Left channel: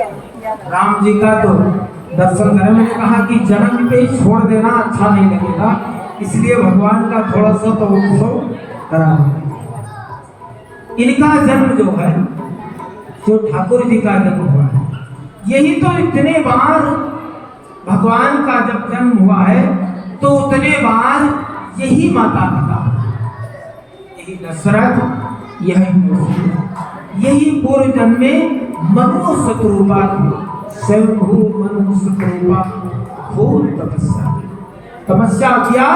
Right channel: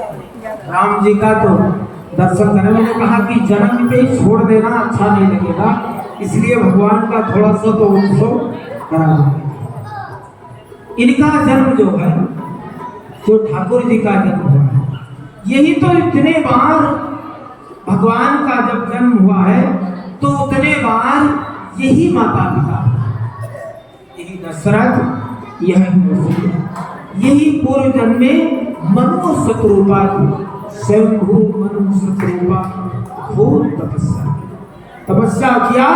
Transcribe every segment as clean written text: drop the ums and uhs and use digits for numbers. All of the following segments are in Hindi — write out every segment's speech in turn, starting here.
राम जी का तो दर्शन करने मैंने कहा कि जन्म पे छोड़ देना अच्छा नहीं लगेगा, इसलिए भगवान का थोड़ा सा तो उत्सव करा। इनका जन्म जो है, जो ठाकुर जी का जन्म हुआ है, यही तो इतने बार भगवान का जब जन्म हुआ है तो उतने बार यही माता पिता, यही दशरथ, यही पूर्व जन्म में मनु शत्रुपा स्वयंभू मनु शत्रुपा खूब तपस्या किया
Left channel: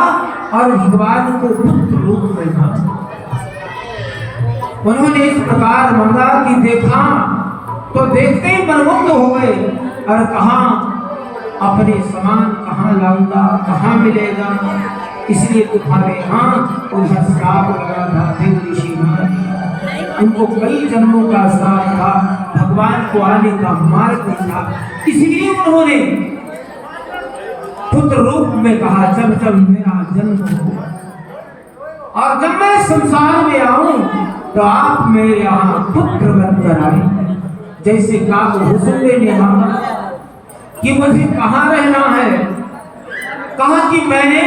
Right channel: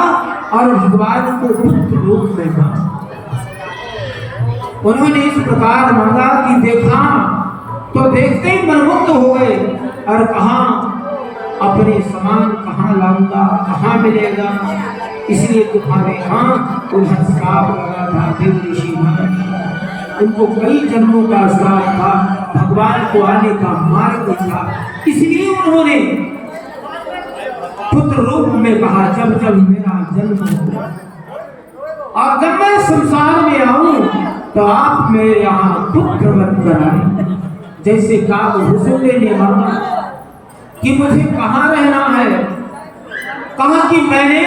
और भगवान को पुत्र रूप में मांगा। उन्होंने इस प्रकार मांगा कि देखा तो देखते ही मनमुग्ध हो गए और कहा अपने समान कहाँ लाऊंगा, कहाँ मिलेगा, इसलिए तुम्हारे यहाँ उधर श्राप लगा था। ऋषि उनको कई जन्मों का श्राप था, भगवान को आने का मार्ग नहीं था, इसलिए उन्होंने पुत्र रूप में कहा जब जब मेरा जन्म होगा और जब मैं संसार में आऊं तो आप मेरे यहाँ पुत्र बन कर आए। जैसे काबुसुंदे ने मांगा कि मुझे कहाँ रहना है, कहा कि मैंने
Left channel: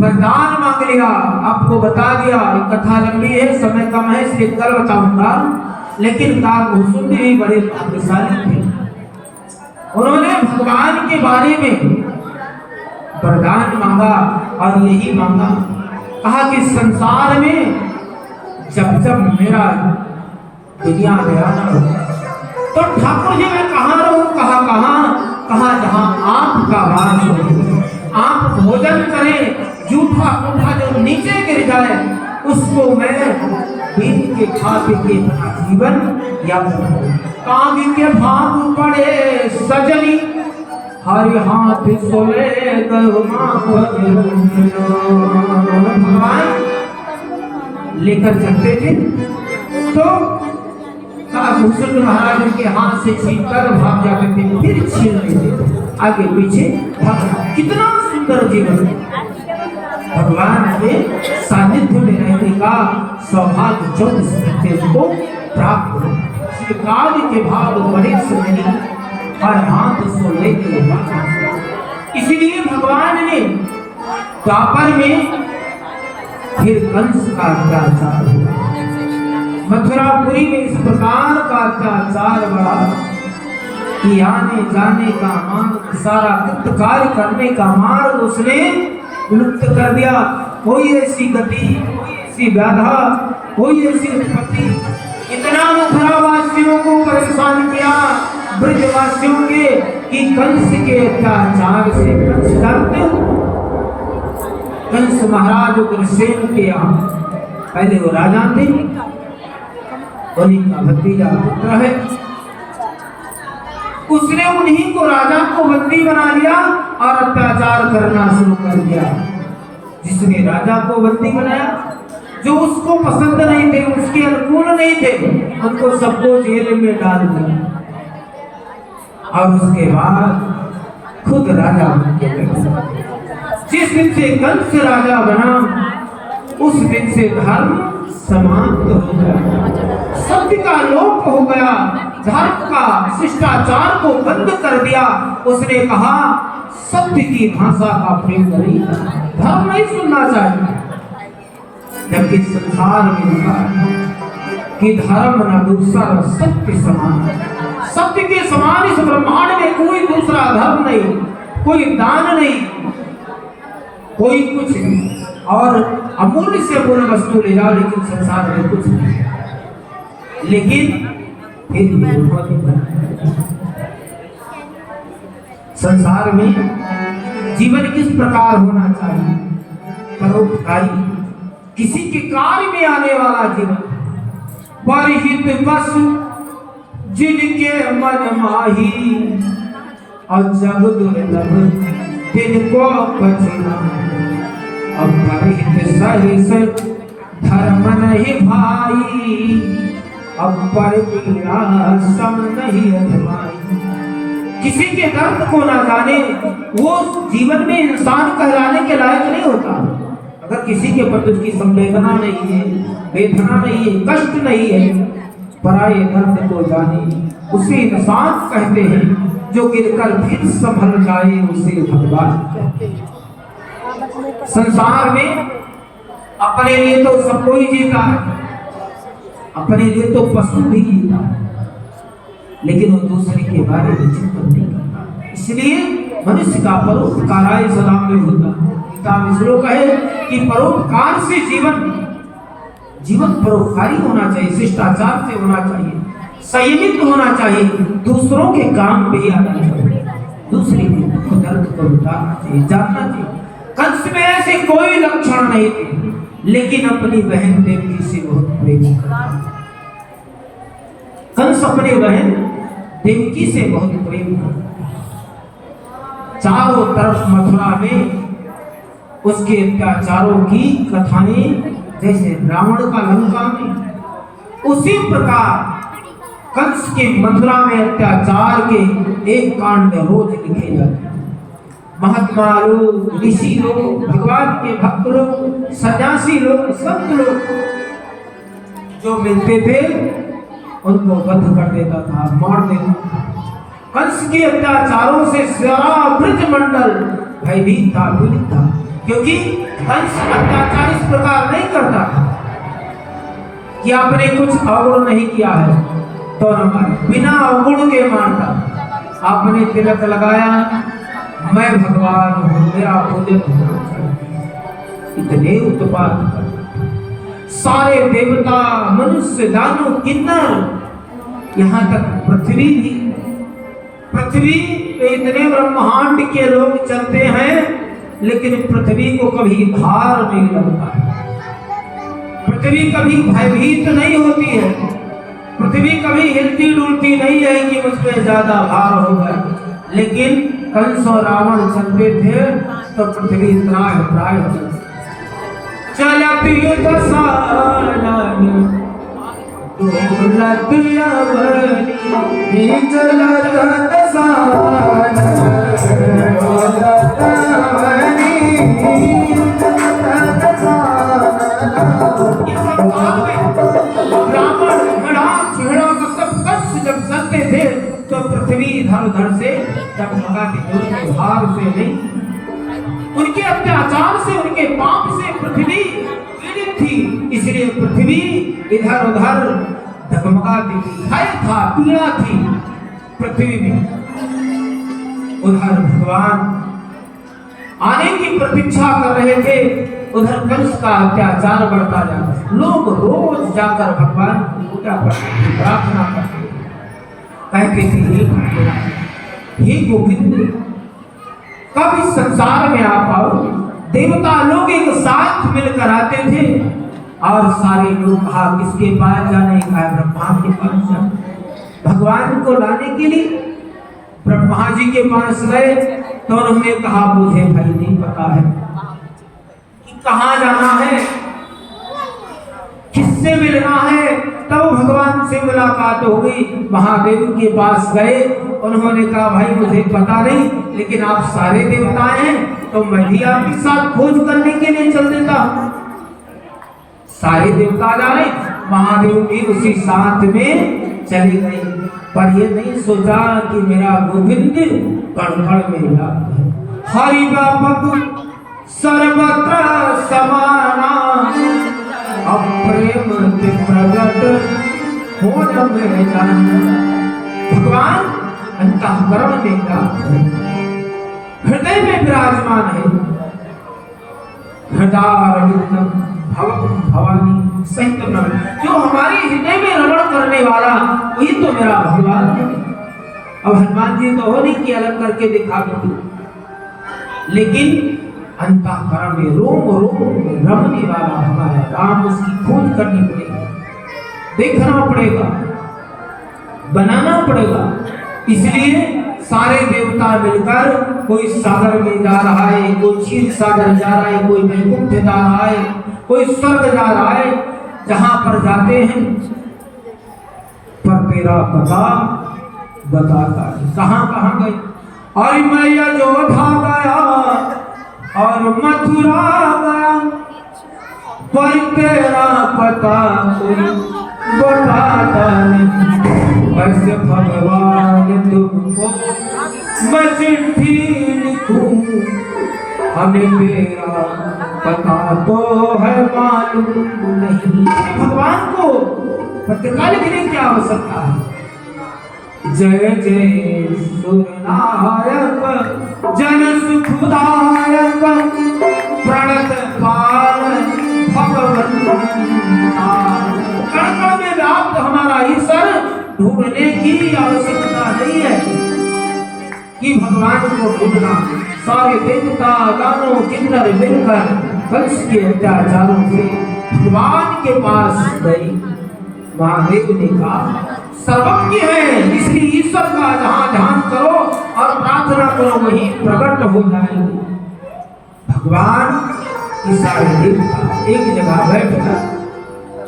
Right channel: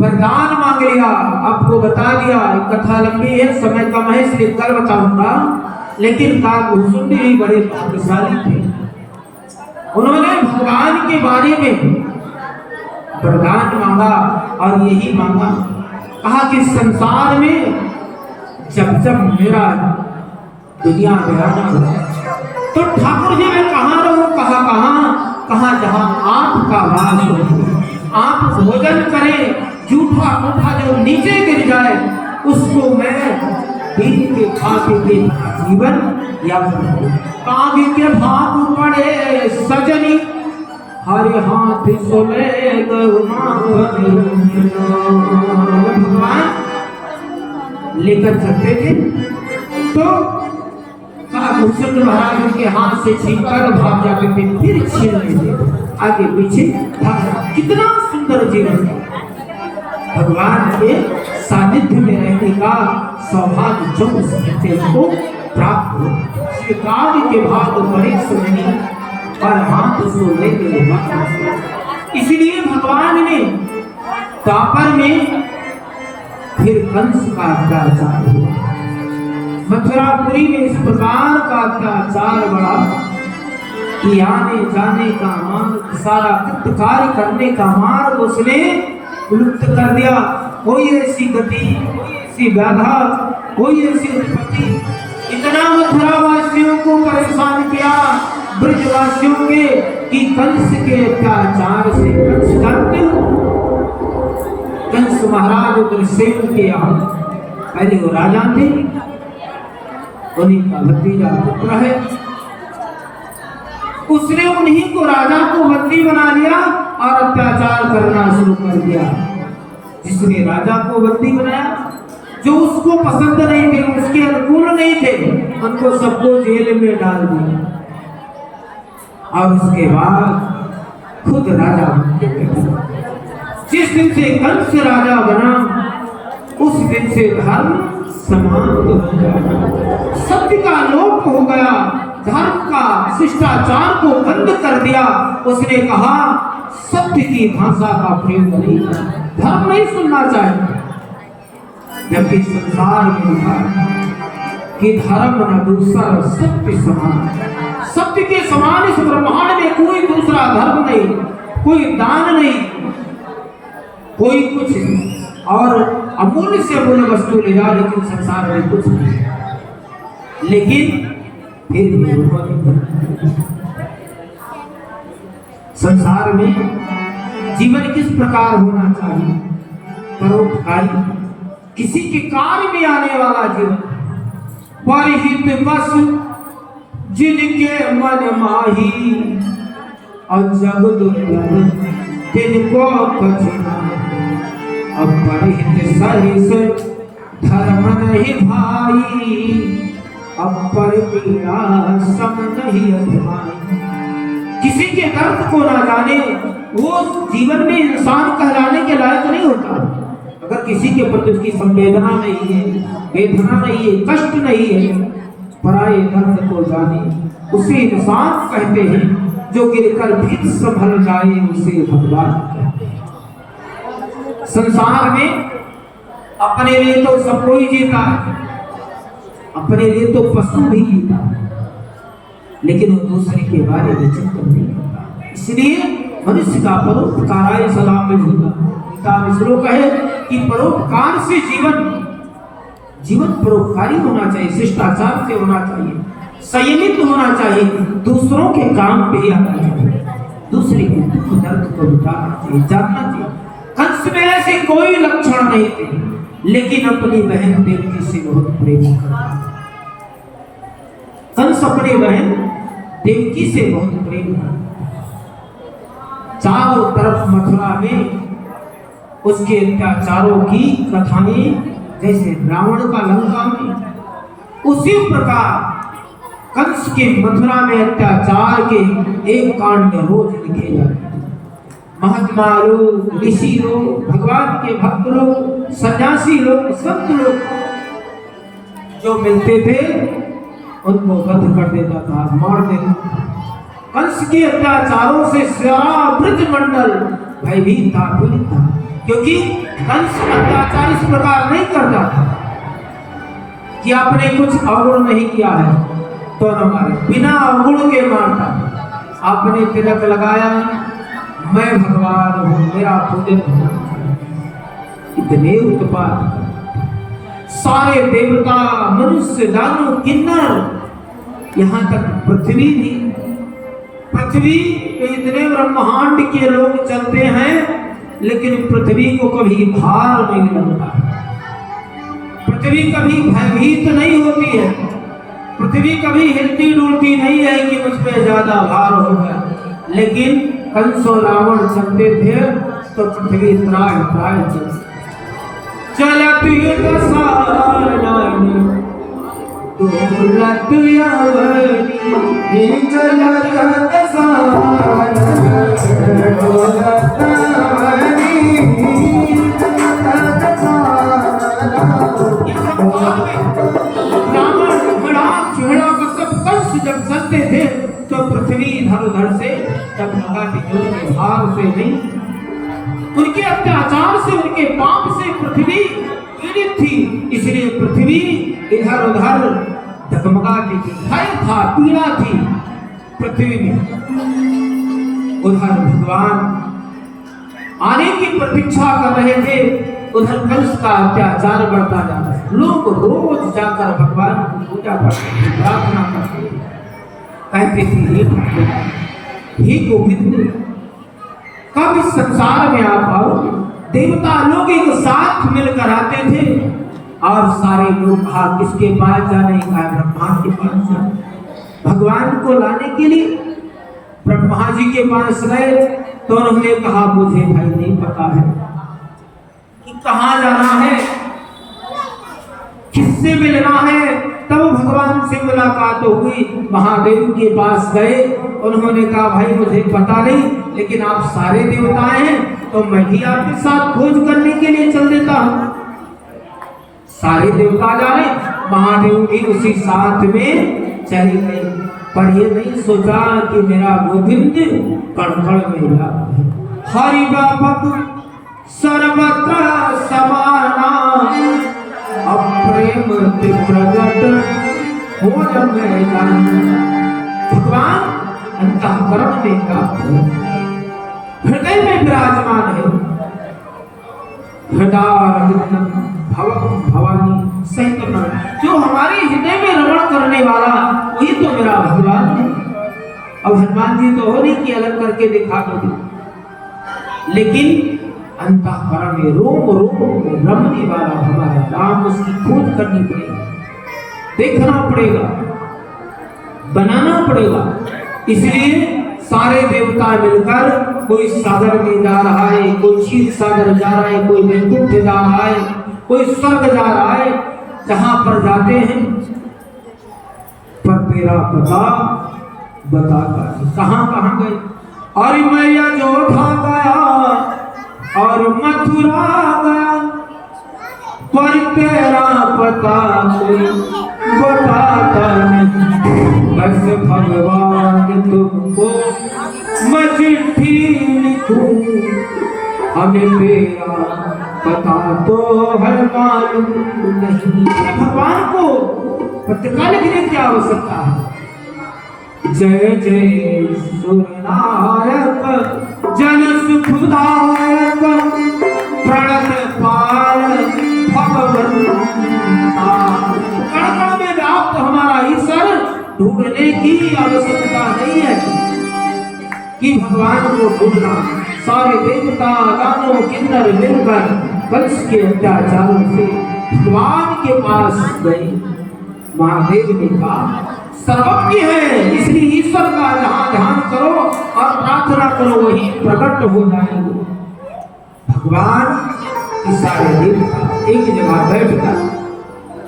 वरदान मांग लिया, आपको बता दिया। कथा लंबी है, समय कम है, इसलिए कल बताऊंगा। लेकिन काबुसुंदे भी बड़े भाग्यशाली थे, उन्होंने भगवान के बारे में वरदान मांगा और यही मांगा, कहा कि संसार में जब जब मेरा दुनिया में आना होगा तो ठाकुर जी मैं कहाँ रहूं, कहाँ जहाँ आपका वास हो। आप भोजन करें, जूठा मूठा जो नीचे गिर जाए उसको मैं पीन के खा के जीवन यापन। काव्य के भाग पड़े सजनी हरि हाथ सोले लेकर चलते थे तो काबुसुंदे महाराज के हाथ से छीनकर भाग जाते थे, फिर छीन लेते आगे पीछे भाग। कितना सुंदर जीवन, भगवान के सानिध्य में रहने का सौभाग्य जो सकते को प्राप्त हो। काव्य के भाग बड़े सुननी और हाथ सोले के भाग। इसलिए भगवान ने द्वापर में फिर कंस का अत्याचार हुआ, मथुरापुरी में इस प्रकार का अत्याचार बढ़ा कि आने जाने का मार्ग, सारा कार्य करने का मार्ग उसने लुप्त कर दिया। कोई ऐसी गति, कोई ऐसी बाधा, कोई ऐसी उत्पत्ति, इतना मथुरावासियों को परेशान किया, ब्रजवासियों के, कि कंस के अत्याचार से कंस डरते हो। कंस महाराज उग्रसेन के यहाँ पहले वो राजा थे, उन्हीं का भतीजा पुत्र है, उसने उन्हीं को राजा को बंदी बना लिया और अत्याचार करना शुरू कर दिया। जिसने राजा को बंदी बनाया, जो उसको पसंद नहीं थे, उसके अनुकूल नहीं थे, उनको सबको जेल में डाल दिया और उसके बाद खुद राजा बन गए। जिस दिन से कंस राजा बना उस दिन से धर्म समाप्त हो गया, सत्य का लोप हो गया, धर्म का शिष्टाचार को बंद कर दिया। उसने कहा सत्य की भाषा का प्रेम नहीं, धर्म नहीं सुनना चाहिए। जबकि संसार में कि धर्म न दूसरा सत्य समान, सत्य के समान इस ब्रह्मांड में कोई दूसरा धर्म नहीं, कोई दान नहीं, कोई कुछ नहीं। और अमूल्य से अमूल्य वस्तु ले जाओ, लेकिन संसार में कुछ नहीं। लेकिन फिर संसार में जीवन किस प्रकार होना चाहिए, परोपकारी, किसी के कार्य में आने वाला जीवन। परहित बस जिनके मन माही और जग दुर्लभ तिनको पछिना। अब परहित सहिस धर्म नहीं भाई, अब परहिया सम नहीं अधमाई। किसी के दर्द को ना जाने वो जीवन में इंसान कहलाने के लायक नहीं होता। अगर किसी के प्रति उसकी संवेदना नहीं है, वेदना नहीं है, कष्ट नहीं है, पराये दर्द को जाने उसे इंसान कहते हैं, जो गिरकर फिर संभल जाए उसे भगवान कहते हैं। संसार में अपने लिए तो सब कोई जीता है, अपने लिए तो पशु भी जीता है, लेकिन वो दूसरे के बारे में चिंतन नहीं करता। इसलिए मनुष्य का परोपकार सलाम में होता। श्लोक है कि परोपकार से जीवन परोपकारी होना चाहिए, शिष्टाचार से होना चाहिए, संयमित होना चाहिए, दूसरों के काम पे आना चाहिए, दूसरे के दर्द को उतारना चाहिए, जानना चाहिए। कंस में ऐसे कोई लक्षण नहीं थे, लेकिन अपनी बहन देवकी से बहुत प्रेम करता। कंस अपनी बहन देवकी से बहुत प्रेम करता। चारों तरफ मथुरा में उसके अत्याचारों की कथाएं, जैसे रावण का लंका में, उसी प्रकार कंस के मथुरा में अत्याचार के एक कांड रोज लिखे जाते। महात्मा लोग, ऋषि लोग, भगवान के भक्त लोग, सन्यासी लोग, संत लोग जो मिलते थे उनको बंद कर देता था, मार देता था। कंस के अत्याचारों से सारा ब्रजमंडल भयभीत था, पीड़ित था, क्योंकि कंस अत्याचार इस प्रकार नहीं करता था कि आपने कुछ अवगुण नहीं किया है तो न मारे, बिना अवगुण के मारता। आपने तिलक लगाया, मैं भगवान हूं, मेरा पूजन हो, इतने उत्पात। सारे देवता, मनुष्य, दानव, किन्नर, यहाँ तक पृथ्वी भी, पृथ्वी पे इतने ब्रह्मांड के लोग चलते हैं, लेकिन पृथ्वी को कभी भार नहीं लगता। पृथ्वी कभी भयभीत नहीं होती है, पृथ्वी कभी हिलती डुलती नहीं है कि मुझ पे ज्यादा भार होगा। लेकिन कंस और रावण चलते थे तो पृथ्वी त्राह त्राह चलती जब चलते थे तो पृथ्वी इधर उधर से डगमगाती, उनके भार से नहीं, उनके अत्याचार से, उनके पाप से पृथ्वी पीड़ित थी। इसलिए पृथ्वी इधर उधर डगमगाती थी, भय था, पीड़ा थी पृथ्वी में। उधर भगवान आने की प्रतीक्षा कर रहे थे, उधर कंस का अत्याचार बढ़ता जाता। लोग रोज जाकर भगवान को पूजा करते, प्रार्थना करते, कहते थे हे गोविंद, कब इस संसार में आप आओगे। देवता लोग एक साथ मिलकर आते थे और सारे लोग कहा किसके पास जाने का, ब्रह्मा के पास जाने। भगवान को लाने के लिए ब्रह्मा जी के पास गए तो उन्होंने कहा मुझे भाई नहीं पता है कि कहाँ जाना है, किससे मिलना है। तब भगवान से मुलाकात हो गई, महादेव के पास गए, उन्होंने कहा भाई मुझे पता नहीं, लेकिन आप सारे देवताएं हैं तो मैं भी आपके साथ खोज करने के लिए चल देता हूं। सारे देवता जा रहे, महादेव भी उसी साथ में चली गई, पर ये नहीं सोचा कि मेरा गोविंद कड़कड़ में है। हरि व्यापक सर्वत्र समाना, अप्रेम प्रगट हो भगवान अंतःकरण देता, हृदय में विराजमान है। हृदय भवानी सहित जो हमारे हृदय में रमण करने वाला, ये तो मेरा भगवान है। अब हनुमान जी तो हो नहीं कि अलग करके दिखा दो, लेकिन अंतःकरण में रोम रोम रमने वाला हमारा राम, उसकी खोज करनी पड़ेगी, देखना पड़ेगा, बनाना पड़ेगा। इसलिए सारे देवता मिलकर, कोई सागर में जा रहा है, कोई क्षीर सागर जा रहा है, कोई वैकुंठ जा रहा है, कोई स्वर्ग जा रहा है, जहां पर जाते हैं पर तेरा पता बताकर कहां कहां गए। और मैं अयोध्या गया और मथुरा गया, पर तेरा पता कोई बताता नहीं, बस भगवान तुमको मैं चिट्ठी लिखूं, हमें मेरा पता तो है मालूम नहीं। भगवान को पत्रिका लिखने की आवश्यकता है। जय जय सूर्यनारायण जन सुखदायक प्रणत पाल भगवंता। कण कण में व्याप्त हमारा ईश्वर ढूंढने की आवश्यकता नहीं है कि भगवान को ढूंढना। सारे देवता दानव किन्नर मिलकर कंस के अत्याचारों से भगवान के पास गए। महादेव ने कहा सर्वज्ञ है, इसलिए ईश्वर का जहां ध्यान करो और प्रार्थना करो वही प्रकट हो जाएंगे। भगवान की सारे देवता एक जगह बैठकर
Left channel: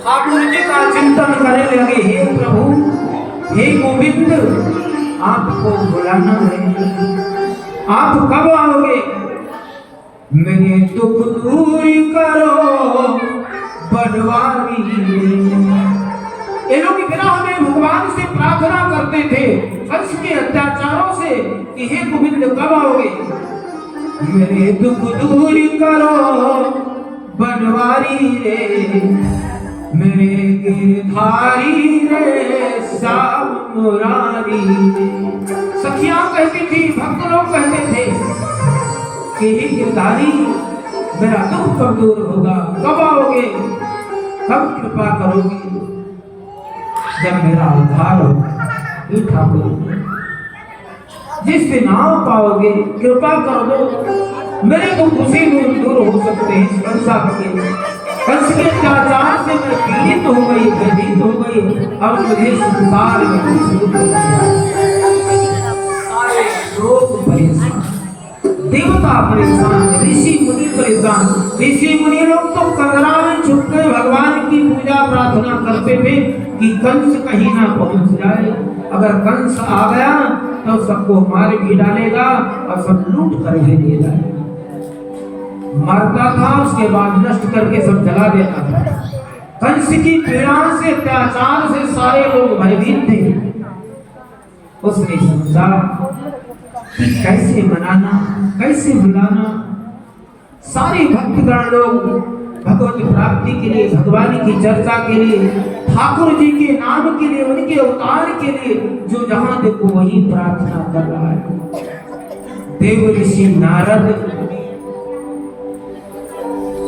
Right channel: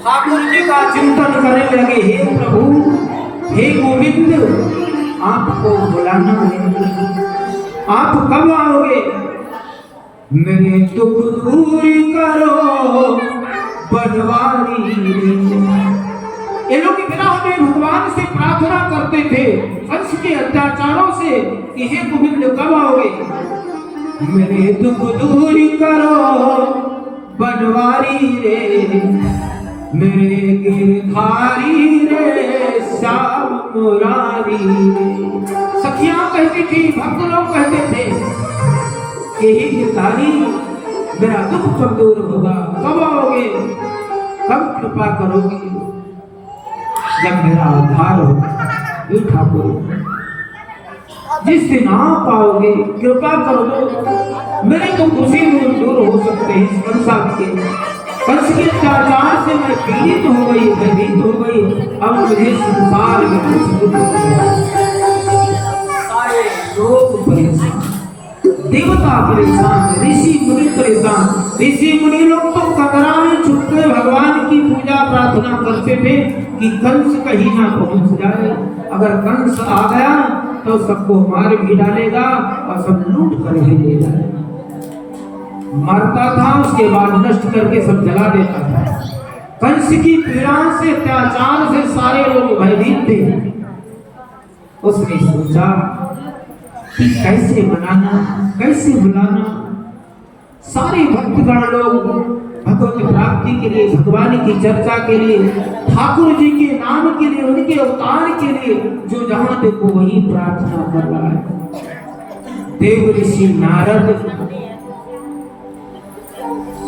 ठाकुर जी का चिंतन करने लगे। हे प्रभु, हे गोविंद, आपको बुलाना है, आप कब आओगे? मेरे दुख दूर करो बनवारी। ये लोग बिना हमें भगवान से प्रार्थना करते थे कंस के अत्याचारों से कि हे गोविंद कब आओगे? मेरे दुख दूर करो बनवारी रे, मेरे गिरधारी रे श्याम मुरारी रे। सखियां कहती थी, भक्त लोग कहते थे कि हे गिरधारी मेरा दुख कब दूर होगा, कब आओगे, कब कृपा करोगे? जब मेरा उद्धार होगा। ठाकुर जिस दिन आ पाओगे कृपा कर दो, मेरे तो खुशी में दूर हो सकते हैं। कंस के अत्याचार से मैं पीड़ित हो गई, भयभीत हो गई, अब मुझे संसार में सारे लोग परेशान, देवता परेशान, ऋषि मुनि परेशान। ऋषि मुनि लोग तो कमरा में छुपकर भगवान की पूजा प्रार्थना करते थे कि कंस कहीं ना पहुंच जाए। अगर कंस आ गया तो सबको मार भी डालेगा और सब लूट कर भी ले जाएगा। मरता था उसके बाद नष्ट करके सब जला देता था। कंस की पीड़ा से अत्याचार से सारे लोग भयभीत थे। उसने सोचा कि कैसे मनाना, कैसे बुलाना। सारे भक्तगण लोग भगवत प्राप्ति के लिए, भगवान की चर्चा के लिए, ठाकुर जी के नाम के लिए, उनके अवतार के लिए जो जहां देखो वही प्रार्थना कर रहा है। देव ऋषि नारद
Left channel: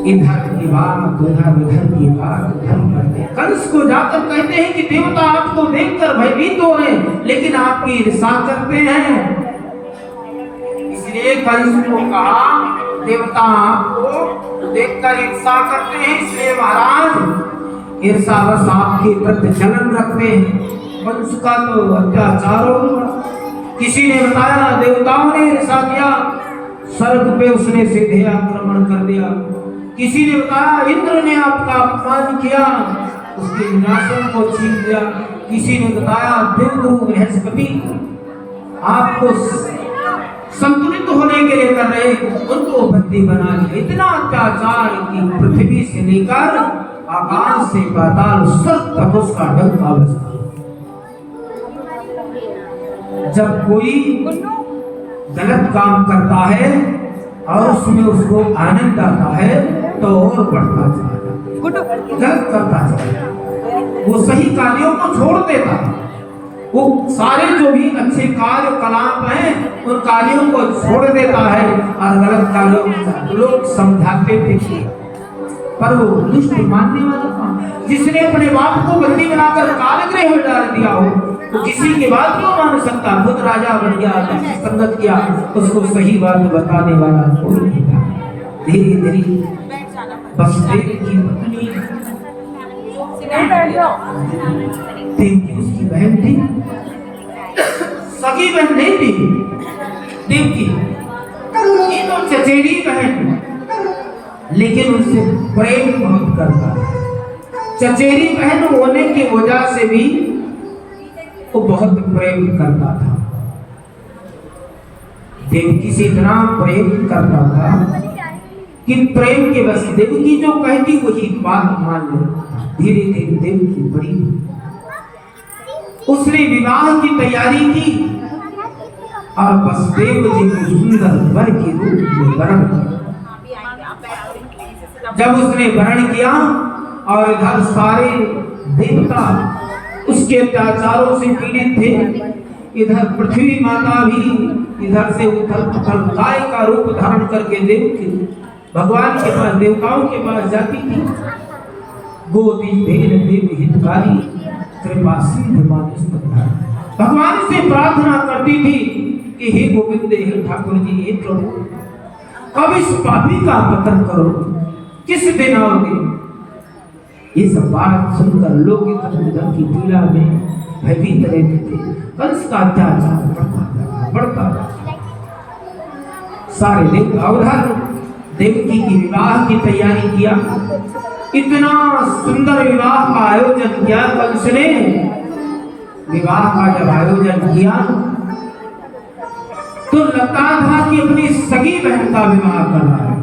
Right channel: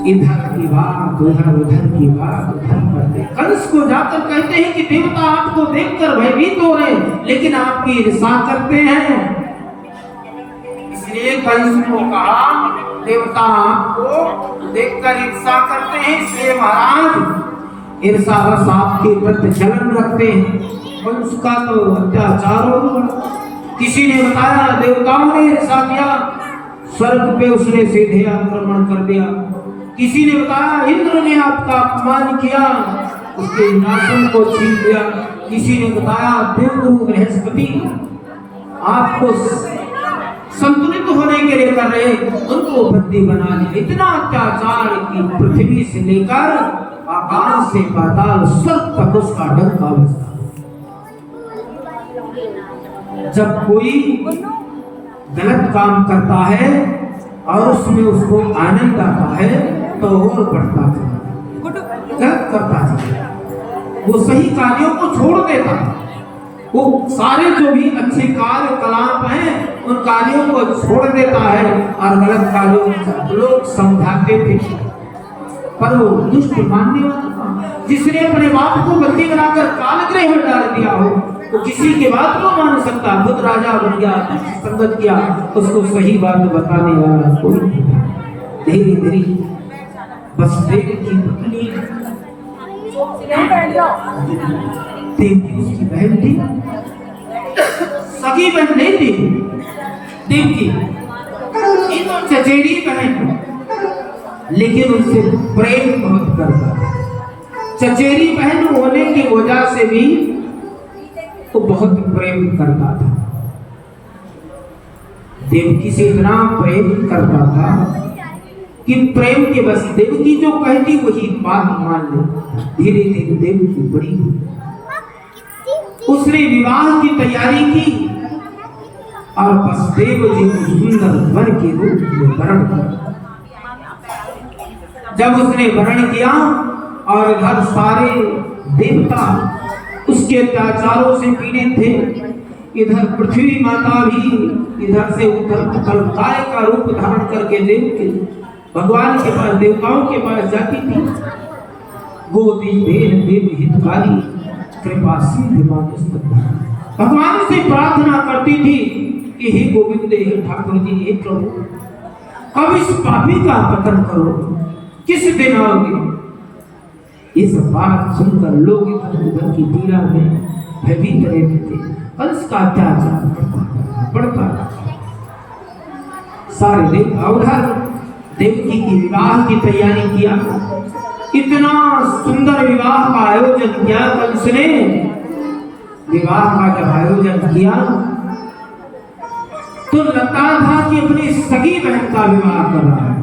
इधर की बात उधर की बात करते, कंस को जाकर कहते हैं कि देवता आपको देखकर भयभीत हो रहे, लेकिन आपकी ईर्ष्या करते हैं। इसलिए कंस को कहा देवता आपको देखकर ईर्ष्या करते हैं, इसलिए महाराज ईर्ष्यावश आपके प्रति जलन रखते हैं। कंस का तो अत्याचार होगा। किसी ने बताया देवताओं ने ईर्ष्या किया, स्वर्ग पे उसने सीधे आक्रमण कर दिया। किसी ने बताया इंद्र ने आपका अपमान किया, उसके नाशों को छीन लिया। किसी ने बताया देवगुरु बृहस्पति आपको संतुलित होने के लिए कर रहे, उनको बंदी बना लिया। इतना अत्याचार की पृथ्वी से लेकर आकाश से पाताल सब तक उसका डंका बजता। जब कोई गलत काम करता है और उसमें उसको आनंद आता है तो और बढ़ता चला, गलत करता चला, वो सही कार्यों को छोड़ देता। वो सारे जो भी अच्छे कार्य कलाप हैं उन कार्यों को छोड़ देता है और गलत कार्यों को लोग समझाते थे, पर वो दुष्ट मानने वाला था। जिसने अपने बाप को बंदी बनाकर कारागृह में डाल दिया हो तो किसी के बात क्यों मान सकता? खुद राजा बन गया, संगत किया, उसको सही बात बताने वाला कोई नहीं था। धीरे धीरे वसुदेव की पत्नी देवकी उसकी बहन थी, सगी बहन नहीं थी देवकी, ये तो चचेरी बहन, लेकिन उससे प्रेम बहुत करता। चचेरी बहन होने की वजह से भी वो बहुत प्रेम करता था, देवकी से इतना प्रेम करता था कि प्रेम के बस देवकी जो कहती वही बात मान ले। धीरे धीरे देवकी बड़ी हुई, उसने विवाह की तैयारी की और बस देव जी को सुंदर वर के रूप में वरण किया। जब उसने वरण किया और इधर सारे देवता उसके अत्याचारों से पीड़ित थे, इधर पृथ्वी माता भी इधर से उधर गाय का रूप धारण करके देवकी भगवान के पास, देवताओं के पास जाती थी। गोदी भेद देव हितकारी कृपा सिंधु भगवान से प्रार्थना करती थी कि हे गोविंद, हे ठाकुर जी, हे प्रभु, अब इस पापी का पतन करो, किस दिन आओगे? ये सब बात सुनकर लोग इधर की पीड़ा में भयभीत रहते थे। कंस का अत्याचार बढ़ता सारे देवता उधर देवकी की विवाह की तैयारी किया। इतना सुंदर विवाह का आयोजन किया कंस ने। विवाह का जब आयोजन किया तो लगता था कि अपनी सगी बहन का विवाह कर रहा है,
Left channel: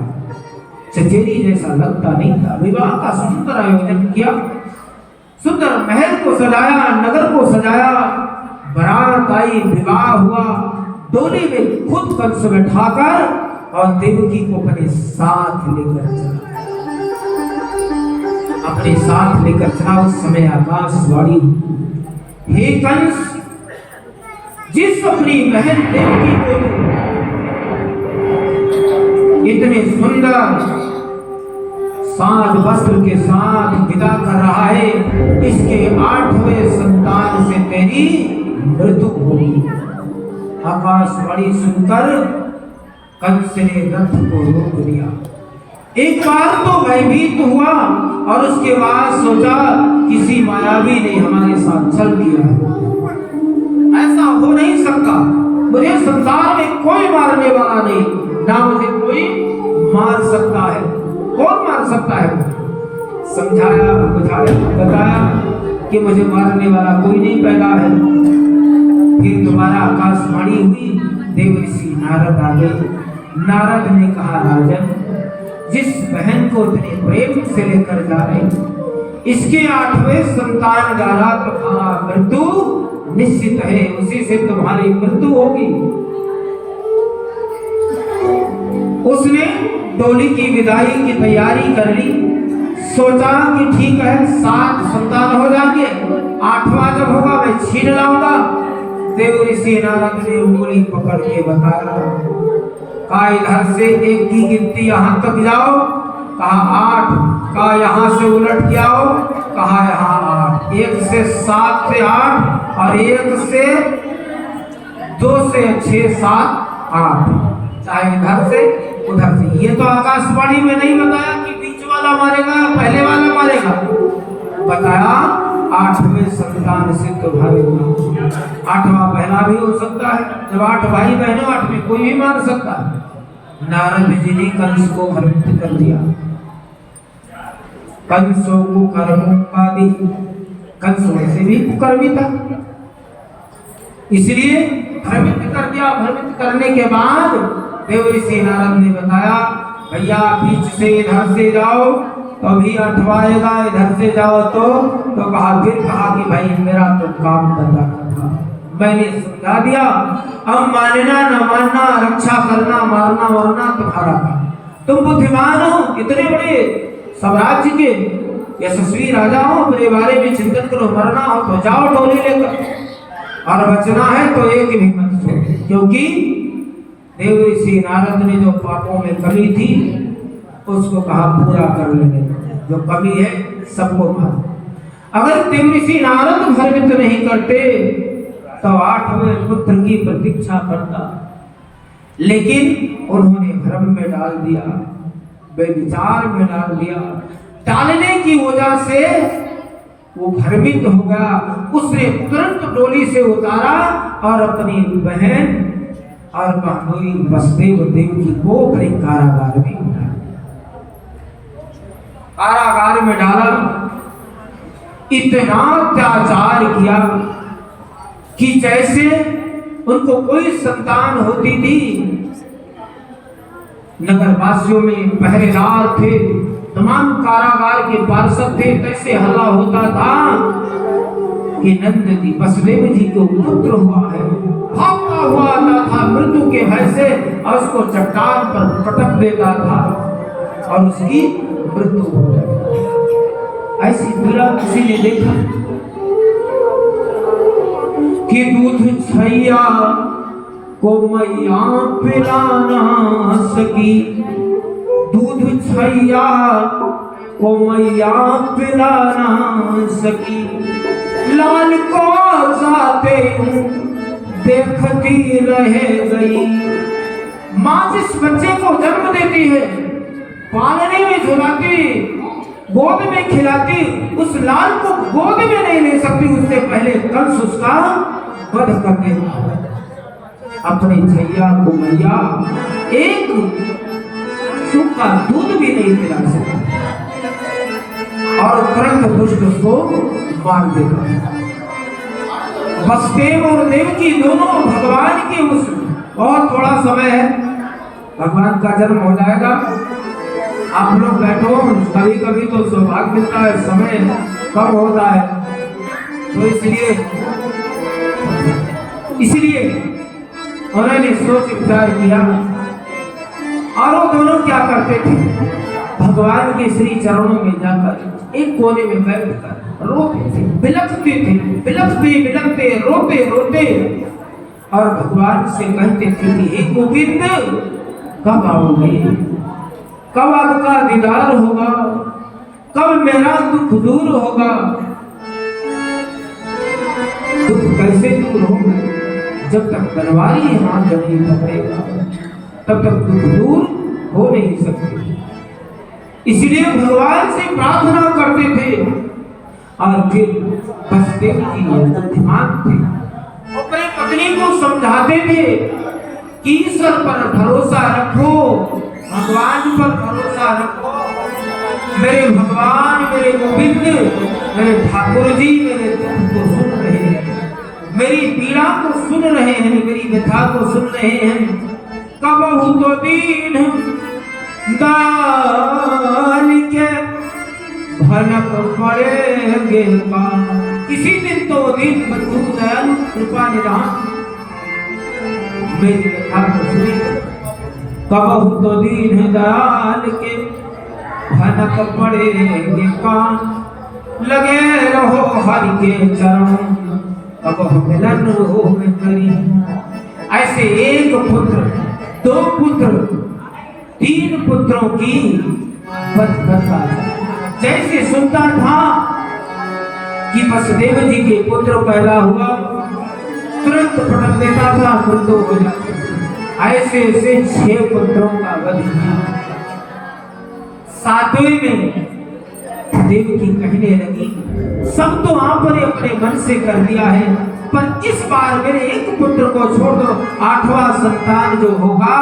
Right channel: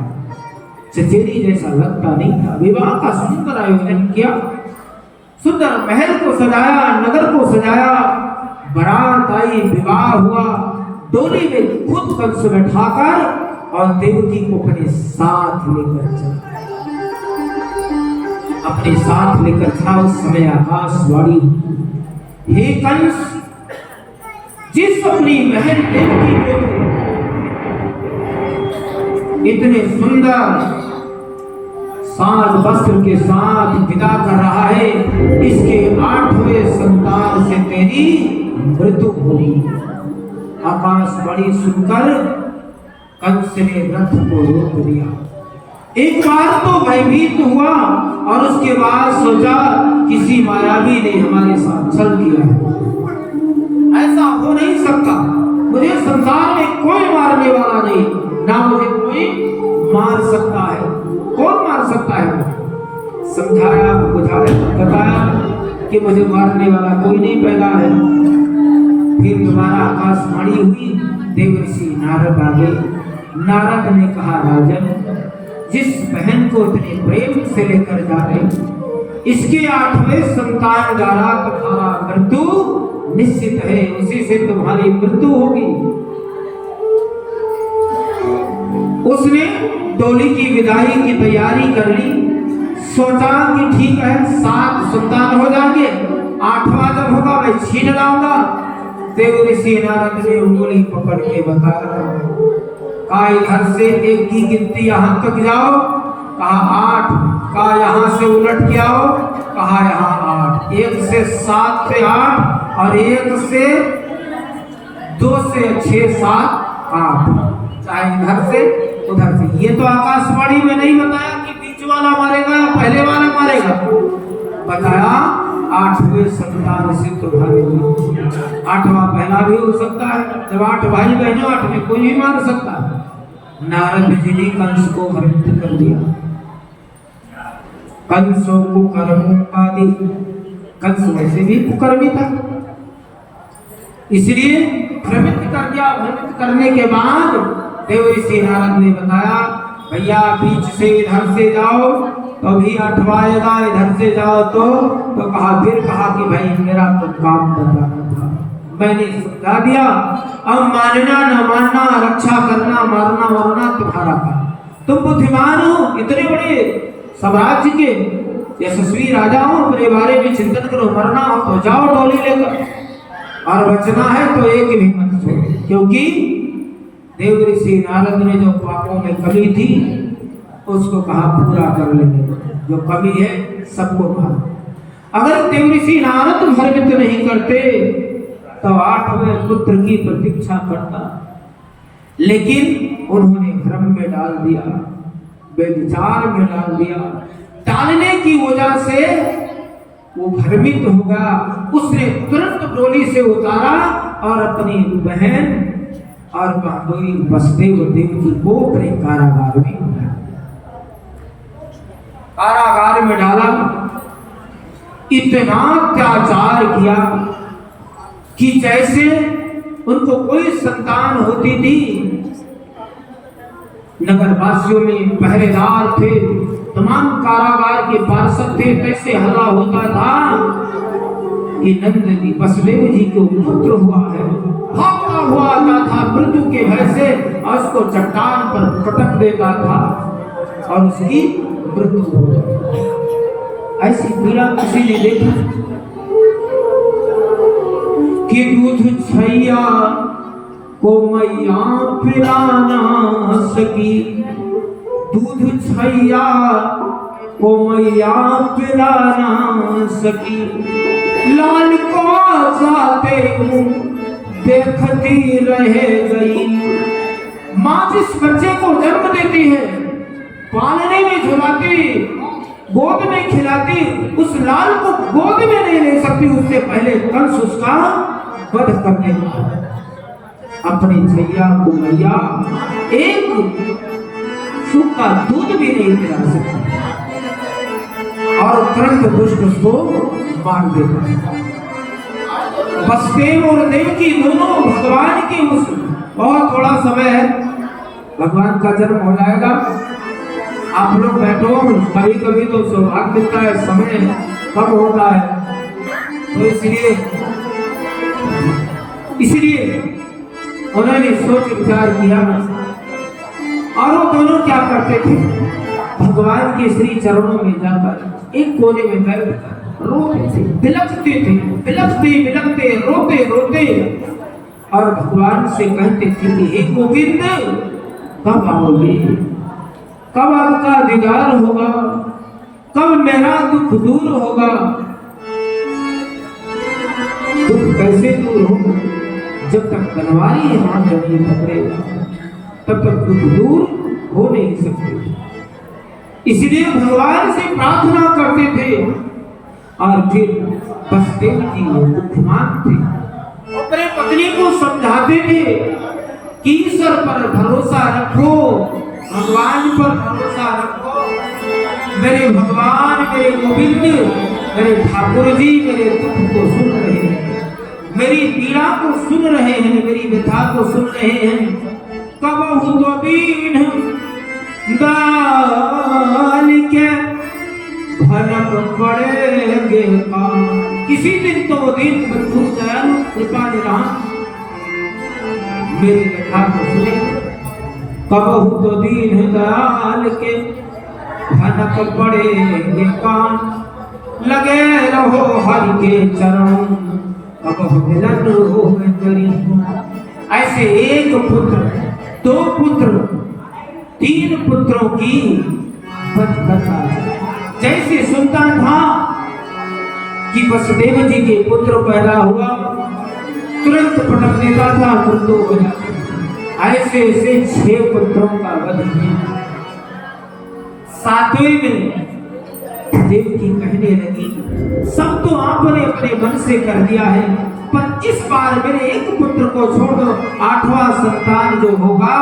चचेरी जैसा लगता नहीं था। विवाह का सुंदर आयोजन किया, सुंदर महल को सजाया, नगर को सजाया, बारात आई, विवाह हुआ। डोली में खुद कंस बैठाकर और देवकी को अपने साथ लेकर चला, अपने साथ लेकर चला। उस समय आकाशवाणी, हे कंस, जिस अपनी बहन देवकी को इतने सुंदर साज वस्त्र के साथ विदा कर रहा है, इसके 8वें संतान से तेरी मृत्यु होगी। आकाशवाणी सुनकर कंस ने रथ को रोक दिया। एक बार तो भयभीत हुआ और उसके बाद सोचा किसी मायावी ने हमारे साथ छल किया है, ऐसा हो नहीं सकता। मुझे संसार में कोई मारने वाला नहीं, ना मुझे कोई मार सकता है। कौन मार सकता है? समझाया, बुझाया, बताया कि मुझे मारने वाला कोई नहीं पैदा है। फिर दोबारा आकाशवाणी हुई, देवर्षि नारद आ गए। नारद ने कहा, राजन, जिस बहन को इतने प्रेम से लेकर जा रहे, इसके 8वें संतान द्वारा तुम्हारा मृत्यु निश्चित है, उसी से तुम्हारी मृत्यु होगी। उसने डोली की विदाई की तैयारी कर ली। सोचा कि ठीक है, 7 संतान हो जाएंगे, 8वां जब होगा मैं छीन लाऊंगा। देवर्षि नारद ने उंगली पकड़ के बताया, कहा इधर से 1 की गिनती यहाँ तक जाओ, कहा 8, कहा यहाँ से उलट के आओ, कहा यहाँ 8, 1 से 7 से 8 और 1 से 2 से 6 7 8, चाहे इधर से उधर से। ये तो आकाशवाणी में नहीं बताया कि बीच वाला मारेगा या पहले वाला मारेगा, बताया 8वें संतान से तुम्हारे 8वां पहला भी हो सकता है। जब 8 भाई बहनों, 8 में कोई भी मार सकता है। नारद जी ने कंस को भ्रमित कर दिया। कंसों को कर्मों का दी, कंस वैसे भी कुकर्मी था, इसलिए भ्रमित कर दिया। भ्रमित करने के बाद देवर्षि नारद ने बताया, भैया बीच से इधर से जाओ तो अभी 8वां आएगा, इधर से जाओ तो कहा। फिर कहा कि भाई मेरा तो काम बताना था, मैंने समझा दिया, अब मानना न मानना, रक्षा करना, मारना वारना तुम्हारा काम। तुम बुद्धिमान हो, इतने बड़े साम्राज्य के यशस्वी राजा हो, मेरे बारे में चिंतन करो। मरना हो तो जाओ टोली लेकर, और बचना है तो एक भी मत छोड़ो। क्योंकि देवर्षि नारद ने जो पापों में कमी थी उसको कहा पूरा कर लेने, जो कमी है सबको मार। अगर देवर्षि नारद भ्रमित नहीं करते तो 8वें पुत्र की प्रतीक्षा करता, लेकिन उन्होंने भ्रम में डाल दिया, बेविचार में डाल दिया। डालने की वजह से वो भ्रमित हो गया। उसने तुरंत डोली से उतारा और अपनी बहन और बहनोई वसुदेव देवकी को अपने कारागार में डाला। कारागार में डाला, इतना अत्याचार किया कि जैसे उनको कोई संतान होती थी नगरवासियों में पहरेदार थे, तमाम कारागार के पार्षद थे। कैसे हल्ला होता था कि नंद जी वसुदेव जी को पुत्र हुआ है। भागता हुआ आता था मृत्यु के भय से और उसको चट्टान पर पटक देता था और उसकी मृत्यु हो जाती। ऐसी पीड़ा किसी ने देखा कि दूध छैया को मैया पिला ना सकी, दूध छैया को मैया पिला ना सकी, लाल को जाते देखती रह गई। माँ जिस बच्चे को जन्म देती है, पालने में झुलाती, गोद में खिलाती, उस लाल को गोद में नहीं ले सकती, उससे पहले कंस उसका वध कर देता है। अपनी छैया को मैया एक सूखा दूध भी नहीं पिला सकती और तुरंत दुष्ट उसको मार देता है। वसुदेव और देवकी दोनों भगवान की उस और थोड़ा समय है, भगवान का जन्म हो जाएगा। आप लोग बैठो, कभी कभी तो सौभाग्य का समय कम होता है, तो इसलिए उन्होंने सोच विचार किया और वो दोनों क्या करते थे, भगवान के श्री चरणों में जाकर एक कोने में बैठकर रोते थे, बिलखते थे, बिलखते रोते रोते और भगवान से कहते थे कि हे गोविंद, कब आओगे, कब आपका दीदार होगा, कब मेरा दुख दूर होगा। दुख कैसे दूर होगा, जब तक बनवारी हम नहीं पकड़ेगा तब तक दुख दूर हो नहीं सकते। इसलिए भगवान से प्रार्थना करते थे और फिर वसुदेव जी बुद्धिमान थे, अपनी पत्नी को समझाते थे कि ईश्वर पर भरोसा रखो, भगवान पर भरोसा रखो। मेरे भगवान, मेरे गोविंद, मेरे ठाकुर जी मेरे दुख को सुन रहे हैं, मेरी पीड़ा को सुन रहे हैं, मेरी व्यथा को सुन रहे हैं। कबहु तो दीन दान के भनक पड़ेगे का, किसी दिन तो दिन बंधु दयाल कृपा निधान मेरी व्यथा को सुनेगा। कबहु तो दीन दयाल के भनक पड़ेगे कान, लगे रहो हरि के चरण अब मिलन हो करी। ऐसे एक पुत्र, दो पुत्र, तीन पुत्रों की कथा जैसे सुनता था कि वसुदेव जी के पुत्र पैदा हुआ, तुरंत पटक देता था पुत्रों को। ऐसे ऐसे 6 पुत्रों का वध किया। 7वें में देवकी कहने लगी, सब तो आपने अपने मन से कर दिया है, पर इस बार मेरे एक पुत्र को छोड़ दो, 8वां संतान जो होगा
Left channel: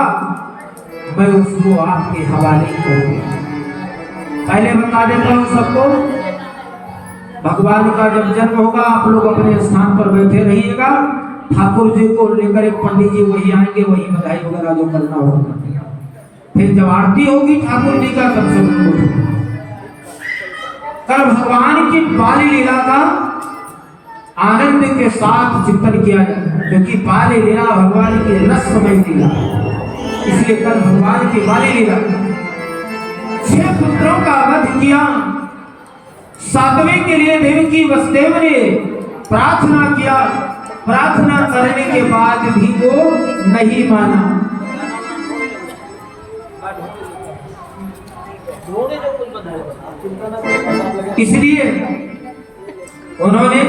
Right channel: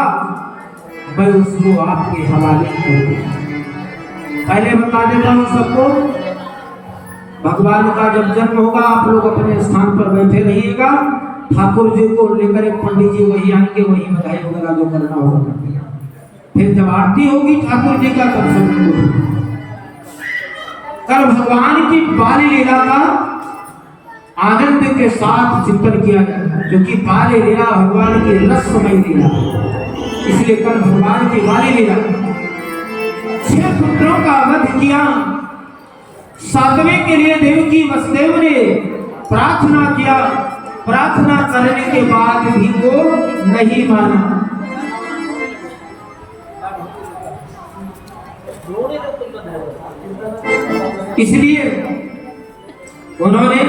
मैं उसको आपके हवाले करूंगा। पहले बता देता हूं सबको, भगवान का जब जन्म होगा आप लोग अपने स्थान पर बैठे रहिएगा, ठाकुर जी को लेकर एक पंडित जी वही आएंगे, वही बधाई वगैरह जो करना होगा। फिर जब आरती होगी ठाकुर जी का तब से कल भगवान की बाल लीला का आनंद के साथ चिंतन किया जाए, क्योंकि बाल लीला भगवान की रसमय लीला, इसलिए कल भगवान की बाल लीला 6 पुत्रों का वध किया। 7वें के लिए देवकी वसुदेव ने प्रार्थना किया, प्रार्थना करने के बाद भी वो नहीं माना। इसलिए उन्होंने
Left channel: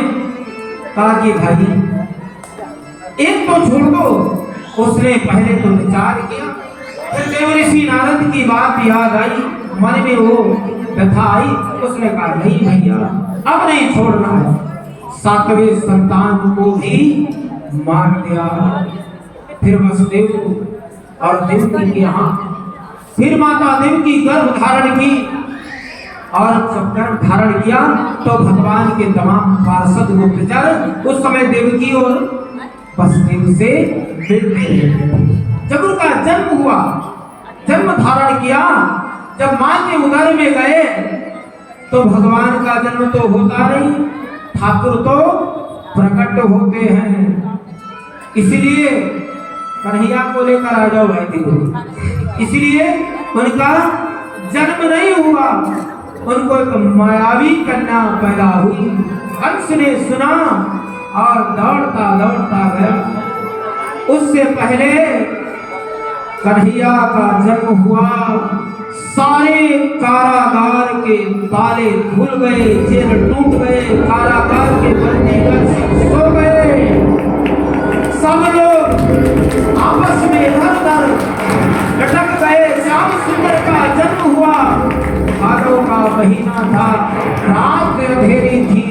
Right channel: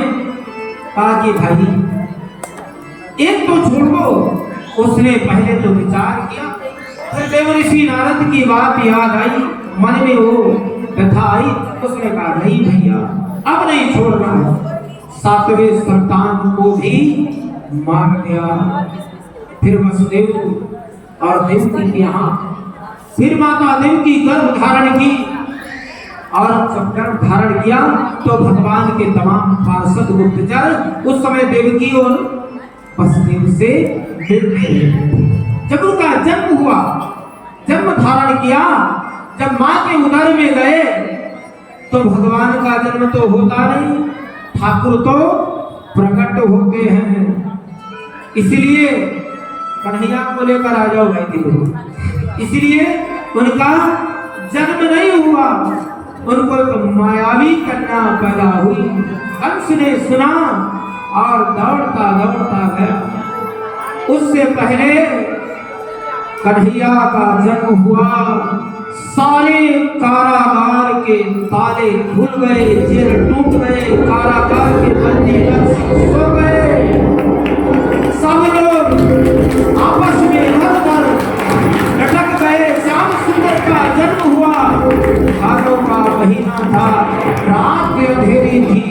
कहा कि भाई एक तो छोड़ दो। उसने पहले तो विचार किया, फिर देव ऋषि नारद की बात याद आई, मन में वो व्यथा आई, उसने कहा नहीं भैया अब नहीं छोड़ना है। 7वें संतान को भी मार दिया। फिर वसुदेव और देवकी के यहाँ फिर माता देवकी गर्भ धारण की, और जब गर्भ धारण किया तो भगवान के तमाम पार्षद गुप्तचर उस समय देवकी और वसुदेव से मिलते हैं। जब उनका जन्म हुआ जन्म धारण किया, जब मां के उदर में गए तो भगवान का जन्म तो होता नहीं, ठाकुर तो प्रकट होते हैं। इसलिए कन्हैया को लेकर आ जाओ भाई देखो, इसलिए उनका जन्म नहीं हुआ, उनको एक मायावी कन्या पैदा हुई। हंस ने सुना और दौड़ता दौड़ता गया। उससे पहले कन्हैया का जन्म हुआ, सारे कारागार के ताले खुल गए, जेल टूट गए, कारागार के बंदी सो गए, सब लोग आपस में हर लटक गए। श्याम सुंदर का जन्म हुआ, भादों का महीना था, रात अंधेरी थी,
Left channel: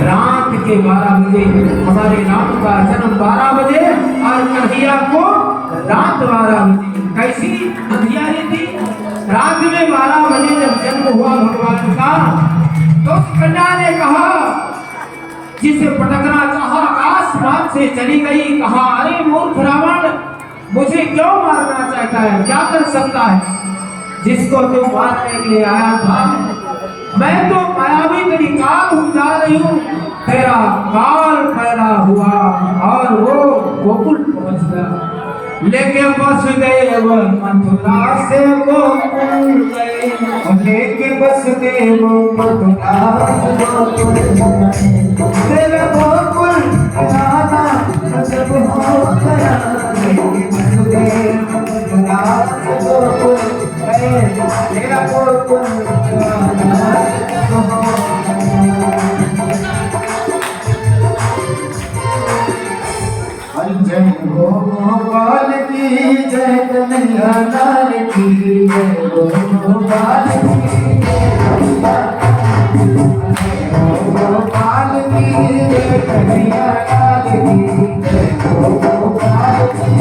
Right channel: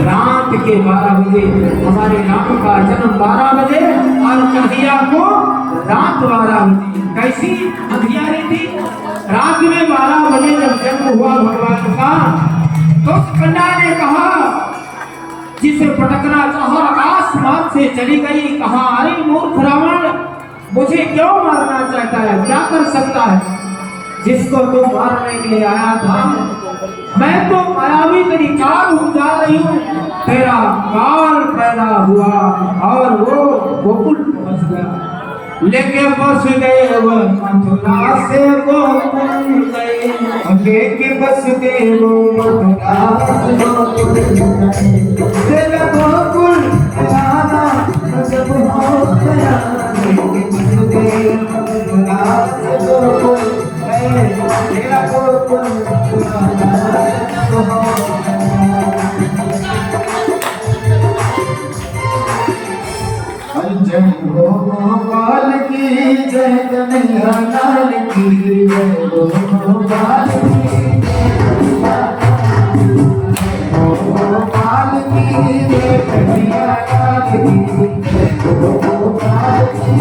रात के 12 बजे हमारे राम का जन्म 12 बजे और कन्हैया को रात 12 बजे। कैसी अंधियारी थी, रात में 12 बजे जब जन्म हुआ भगवान का, तो उस कन्या ने कहा, जिसे पटकना चाहा, आसमान से चली गई, कहा अरे मूर्ख रावण, मुझे क्यों मारना चाहता है, क्या कर सकता है, जिसको तुम मारने के लिए आया था, मैं तो मायावी तेरी काल हूँ, जा रही हूँ, तेरा काल पैदा हुआ और वो गोकुल पहुंच गया। लेके वसुदेव मथुरा से गोकुल गए, लेके वसुदेव मथुरा से गोकुल जाना सब हो गया, वसुदेव मथुरा से गोकुल गए, तेरा गोकुल जय गोपाल की जय, कन्हैया लाल की जय, गोपाल की गोपाल की जय, कन्हैया लाल की जय, गोपाल की